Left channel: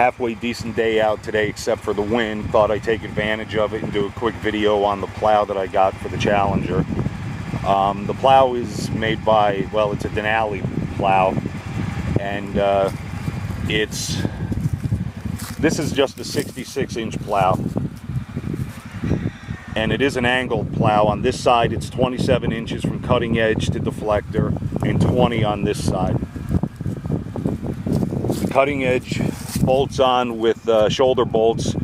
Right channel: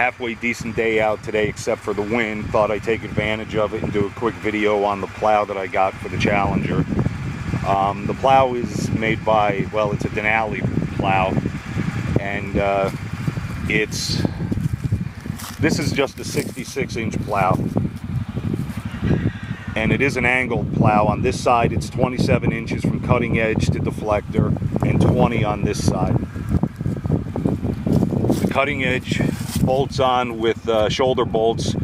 halfway decent day out today, except for the wind. Thought I'd take advantage of it and do a quick video on the plow that I got for the Challenger. The plow is made by, well, it's a Denali plow, and this is just a 66-inch plow, and it is an angled plow. On this side it's 27 inches from cutting edge to deflector, and 20 on this side. The cutting edge bolts on with shoulder bolts,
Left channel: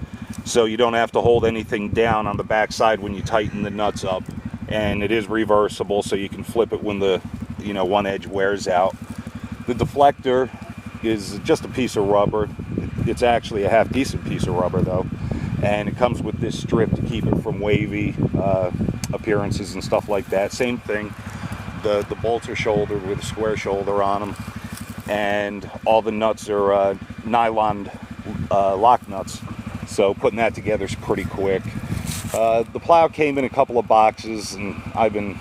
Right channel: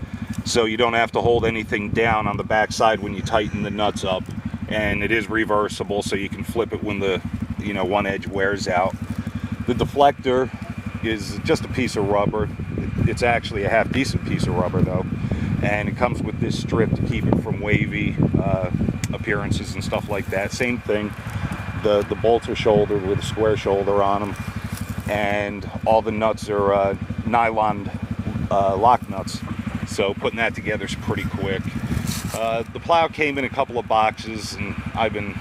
so you don't have to hold anything down on the back side when you tighten the nuts up, and it is reversible, so you can flip it when the one edge wears out. The deflector is just a piece of rubber. It's actually a half decent piece of rubber though, and it comes with this strip to keep it from wavy appearances and stuff like that. Same thing, the bolts are shouldered with a square shoulder on them, and all the nuts are nylon lock nuts, so putting that together is pretty quick. The plow came in a couple of boxes, and I've been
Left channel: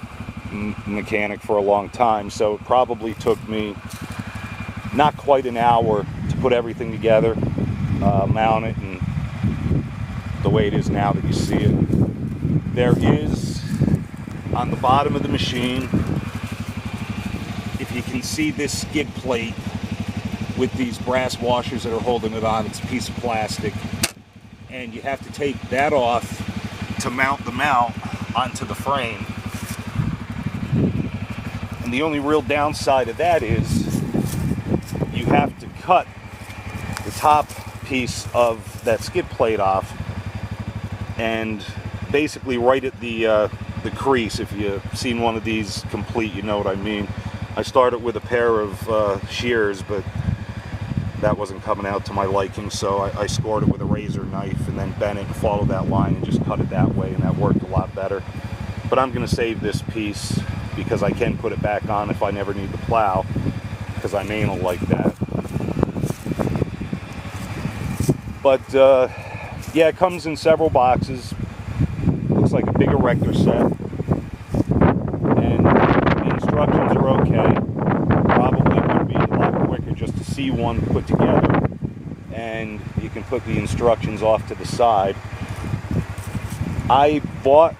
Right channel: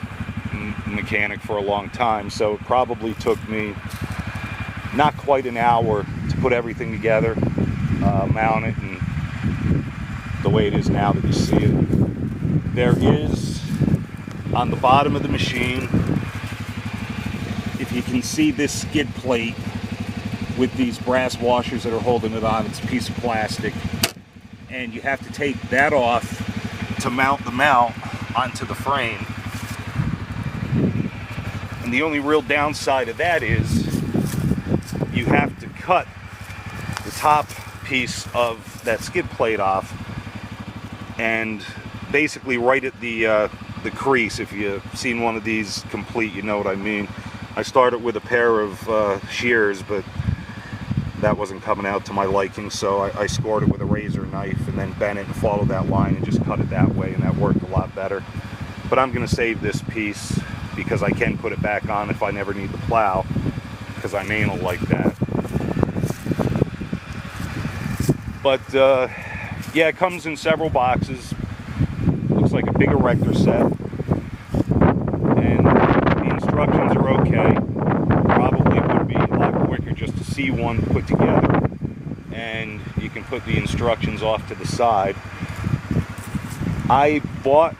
a mechanic for a long time, so it probably took me not quite an hour to put everything together, mount it, and the way it is now that you see it. There is, on the bottom of the machine, if you can see this skid plate with these brass washers that are holding it on, it's a piece of plastic, and you have to take that off to mount the mount onto the frame. And the only real downside of that is you have to cut the top piece of that skid plate off, and basically right at the crease. If you've seen one of these complete, you know what I mean. I started with a pair of shears, but that wasn't coming out to my liking, so I scored it with a razor knife and then bent it and followed that line and just cut it that way, and that worked a lot better. But I'm going to save this piece because I can put it back on if I never need the plow, because I'm anal like that. But yeah, it comes in several boxes. Looks like a big erector set, and the instructions are okay. Probably would be a lot quicker just to see one put together, and you can put the instructions off to the side. I bought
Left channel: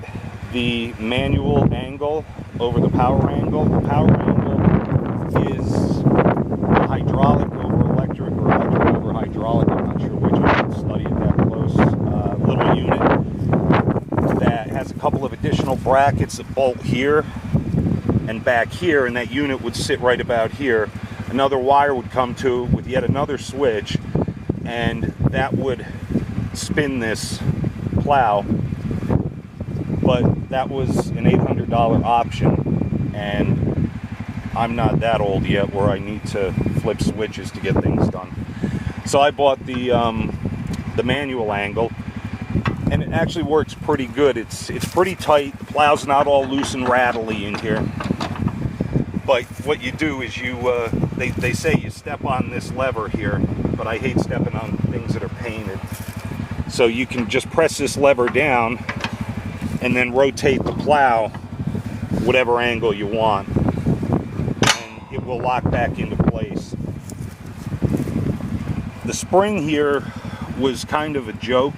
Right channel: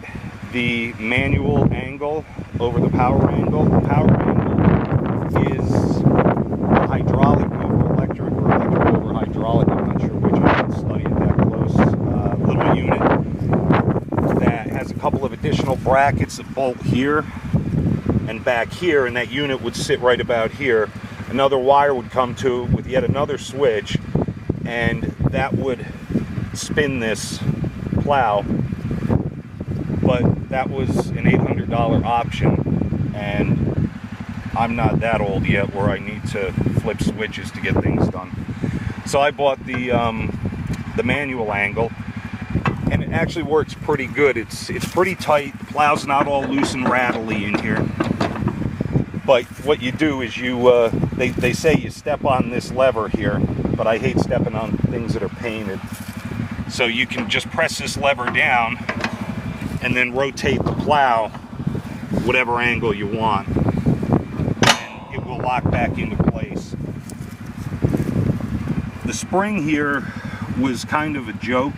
the manual angle over the power angle. The power angle is a hydraulic over electric, or electric over hydraulic. I'm not sure which. I didn't study it that close. Little unit that has a couple of additional brackets that bolt here and back here, and that unit would sit right about here. Another wire would come to with yet another switch, and that would spin this plow. But that was an $800 option, and I'm not that old yet where I need to flip switches to get things done. So I bought the manual angle, and it actually works pretty good. It's pretty tight. The plow's not all loose and rattly in here. But what you do is you, they say you step on this lever here, but I hate stepping on things that are painted. So you can just press this lever down and then rotate the plow whatever angle you want, and it will lock back into place. The spring here was kind of a joke,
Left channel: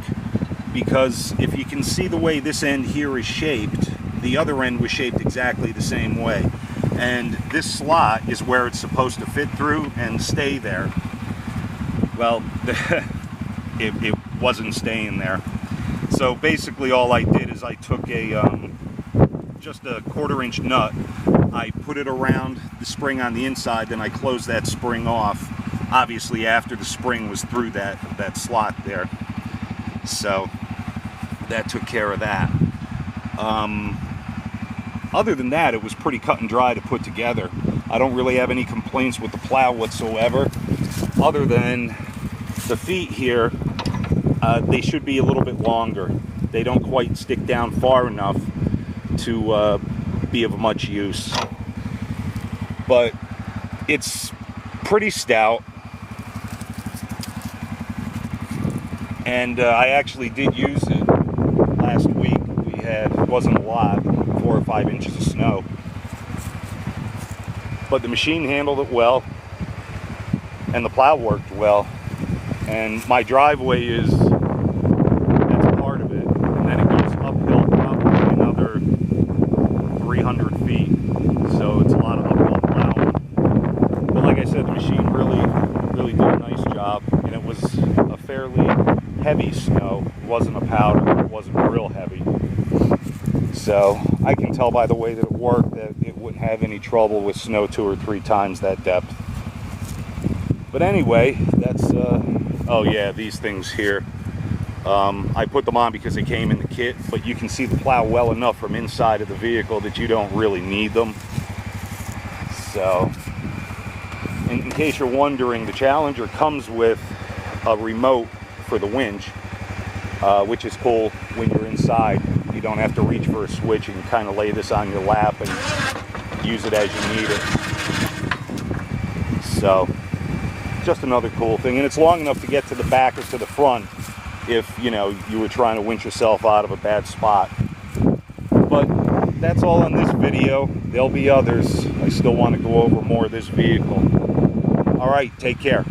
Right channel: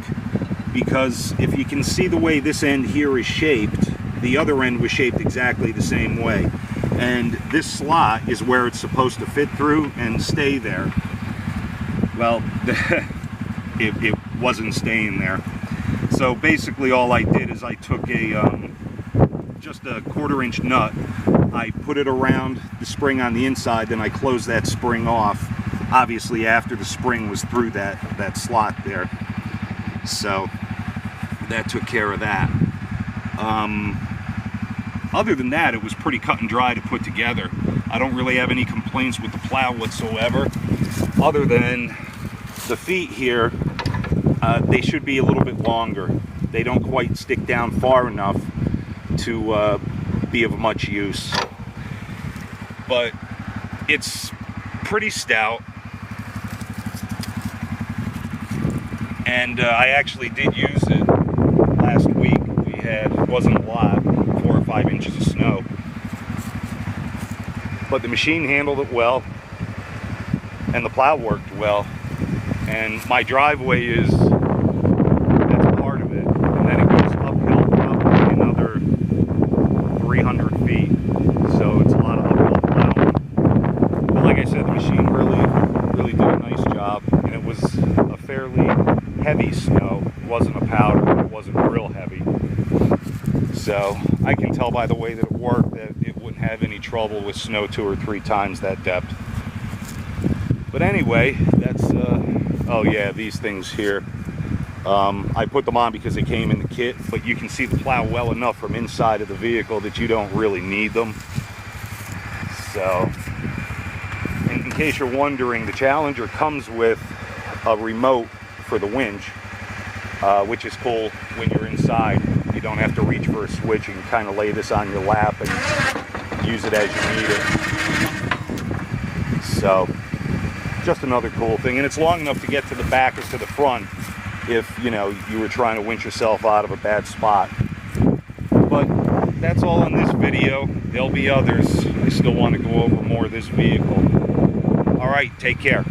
because if you can see the way this end here is shaped, the other end was shaped exactly the same way. And this slot is where it's supposed to fit through and stay there. Well, it wasn't staying there. So basically all I did is I took just a 1/4-inch nut, I put it around the spring on the inside, then I closed that spring off, obviously after the spring was through that slot there. So that took care of that. Other than that, it was pretty cut and dry to put together. I don't really have any complaints with the plow whatsoever, other than the feet here. They should be a little bit longer. They don't quite stick down far enough to be of much use. But it's pretty stout. And I actually did use it last week. It wasn't a lot, 4 or 5 inches of snow. But the machine handled it well, and the plow worked well. And my driveway is, that's part of it. And then it goes uphill probably another 300 feet. So it's a lot of uphill plowing. But like I said, the machine really did a nice job. And it was a fairly heavy snow. It wasn't a powder, but it wasn't real heavy. So I can tell by the way that it worked that it wouldn't have any trouble with snow 2 or 3 times that depth. But anyway, that's, oh yeah, these things here. I put them on because they came in the kit, but you can see the plow well enough from inside of the vehicle that you don't really need them. So, in case you're wondering, the Challenger comes with a remote for the winch, which is cool when you're inside. You don't have to reach for a switch. You can kind of lay this on your lap and use it as you need it. So, just another cool thing. And it's long enough to get to the back or to the front if, you know, you were trying to winch yourself out of a bad spot. But that's all on this video. There'll be others. I still want to go over more of this vehicle. All right, take care.